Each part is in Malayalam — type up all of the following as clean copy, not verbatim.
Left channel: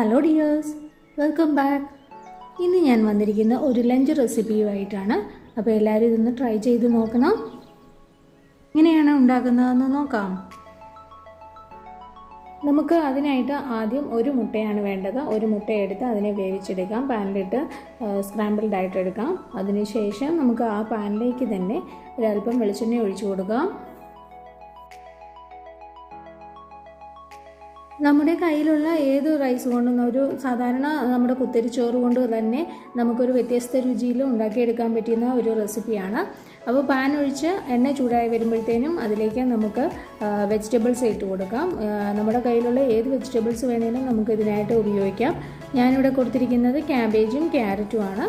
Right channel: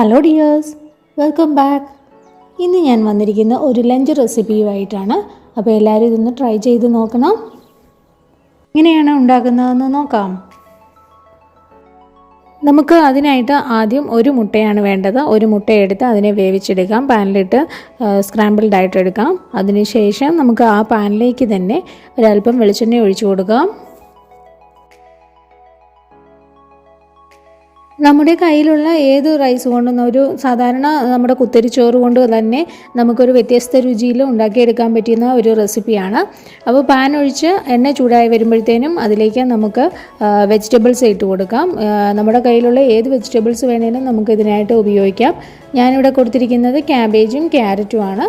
Hello dears, welcome back. ഇന്ന് ഞാൻ വന്നിരിക്കുന്ന ഒരു ലഞ്ച് റെസിപ്പിയുമായിട്ടാണ്. അപ്പോൾ എല്ലാവരും ഇതൊന്ന് ട്രൈ ചെയ്ത് നോക്കണം. എങ്ങനെയാണ് ഉണ്ടാക്കുന്നതെന്ന് നോക്കാം. നമുക്ക് അതിനായിട്ട് ആദ്യം ഒരു മുട്ടയാണ് വേണ്ടത്. ഒരു മുട്ടയെടുത്ത് അതിനെ വേവിച്ചെടുക്കാം. പാനിലിട്ട് സ്ക്രാമ്പിൾഡ് ആയിട്ട് എടുക്കാം. അതിനുശേഷം നമുക്ക് ആ പാനിലേക്ക് തന്നെ ഒരല്പം വെളിച്ചെണ്ണ ഒഴിച്ചു കൊടുക്കാം. നമ്മുടെ കയ്യിലുള്ള ഏത് റൈസ് കൊണ്ടും സാധാരണ നമ്മുടെ കുത്തരിച്ചോറ് കൊണ്ട് തന്നെ നമുക്കൊരു വ്യത്യസ്ത രുചിയിൽ ഉണ്ടാക്കിയെടുക്കാൻ പറ്റുന്ന ഒരു റെസിപ്പിയാണ്. അപ്പോൾ പാൻ ഒഴിച്ച് എണ്ണ ചൂടായി വരുമ്പോഴത്തേനും അതിലേക്ക് നമുക്ക് വെജിറ്റബിൾസ് ഇട്ട് കൊടുക്കാം. നമ്മുടെ കയ്യിലുള്ള ഏത് വെജിറ്റബിൾസ് വേണേലും നമുക്ക് ഇതിനായിട്ട് ഉപയോഗിക്കാം. ഞാനിവിടെ കൊടുത്തിരിക്കുന്നത് ക്യാബേജും ക്യാരറ്റുമാണ്.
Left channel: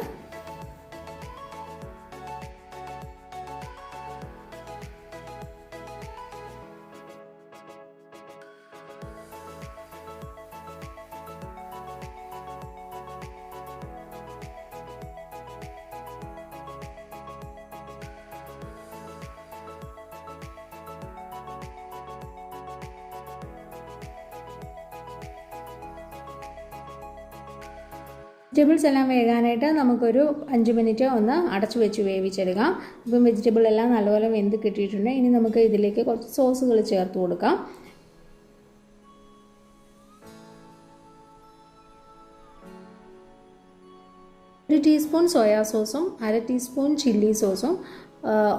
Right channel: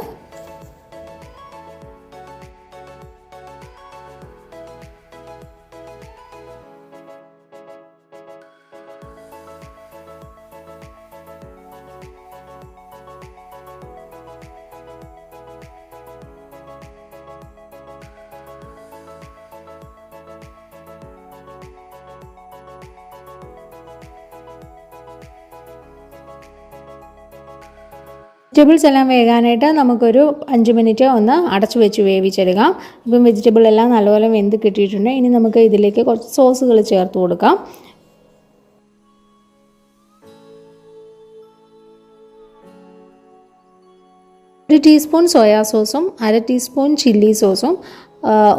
വെജിറ്റബിൾസ് എല്ലാം വേകാനായിട്ട് നമുക്കൊരു 5 മിനിറ്റ് ഒന്ന് അടച്ചു വെച്ച് വേവിച്ചെടുക്കാം. ഇപ്പം വെജിറ്റബിൾ എല്ലാം നല്ലപോലെ വെന്ത് കിട്ടിയിട്ടുണ്ട്. ഇനി നമുക്ക് ഇതിലേക്ക് കുറച്ച് സോസുകൾ ചേർത്ത് കൊടുക്കാം. ഒരു ടീസ്പൂൺ സോയാ സോസും 1/2 ടീസ്പൂൺ ചില്ലി സോസും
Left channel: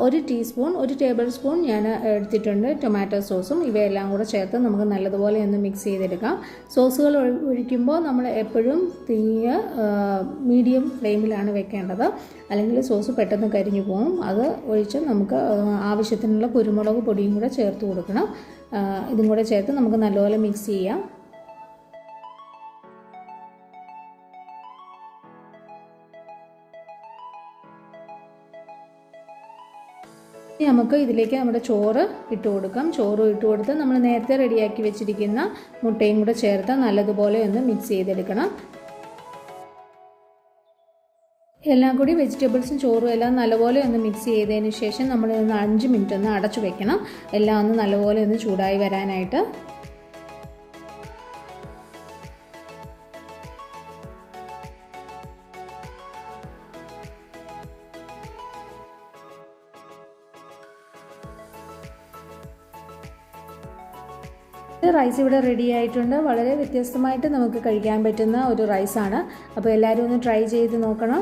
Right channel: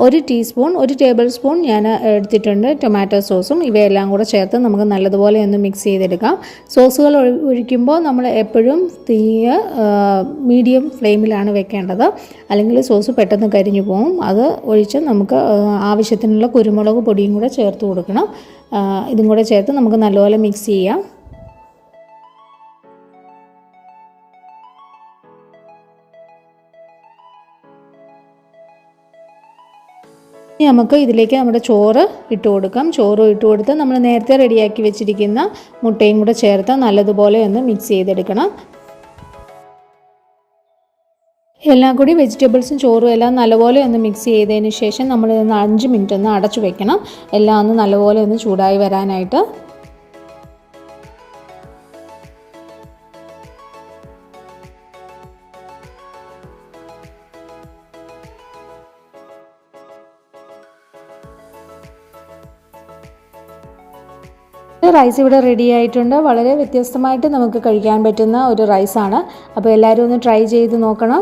1 ടീസ്പൂൺ 1 ടേബിൾ സ്പൂൺ ഞാൻ എടുത്തിട്ടുണ്ട് ടൊമാറ്റോ സോസും. ഇവയെല്ലാം കൂടെ ചേർത്ത് നമുക്ക് നല്ലതുപോലെ ഒന്ന് മിക്സ് ചെയ്തെടുക്കാം. സോസുകൾ ഒഴിക്കുമ്പോൾ നമ്മൾ എപ്പോഴും തീ മീഡിയം ഫ്ലെയിമിലാണ് വെക്കേണ്ടത്, അല്ലെങ്കിൽ സോസ് പെട്ടെന്ന് കരിഞ്ഞു പോകും. അത് ഒഴിച്ച് നമുക്ക് ആവശ്യത്തിനുള്ള കുരുമുളക് പൊടിയും കൂടെ ചേർത്ത് കൊടുക്കണം. ഇതും കൂടെ ചേർത്ത് നമുക്ക് നല്ലപോലെ മിക്സ് ചെയ്യാം. ഇനി നമുക്ക് ഇതിലേക്ക് നമ്മുടെ ചോറ് ഇട്ട് കൊടുക്കാം. ചോറ് ഇട്ട് കൊടുത്ത് നമ്മൾ നേരത്തെ റെഡിയാക്കി വെച്ചിരിക്കുന്ന മുട്ടയും കൂടെ ചേർത്ത് നല്ലതുപോലെ ഒന്ന് മിക്സ് ചെയ്തെടുക്കണം. എല്ലാം കൂടി വെജിറ്റബിൾസും ചോറും എല്ലാം നല്ലപോലെ ഒന്ന് മിക്സ് ചെയ്തതിന് ശേഷം നമ്മൾ 5 മിനിറ്റ് ഒന്ന് അടച്ചു വെക്കണം. എല്ലാം ഒന്ന് നല്ലപോലെ ഒന്ന് ചൂടായി വരാനായിട്ട്. റൈസ് ഇവിടെ റെഡി ആയിട്ടുണ്ട്. വളരെ വ്യത്യസ്തമായിട്ട് നമുക്ക് കഴിക്കാൻ പറ്റുന്ന ഒരു റൈസാണ്. അപ്പോൾ എല്ലാവരും ഒന്ന് ട്രൈ ചെയ്ത് നോക്കണം.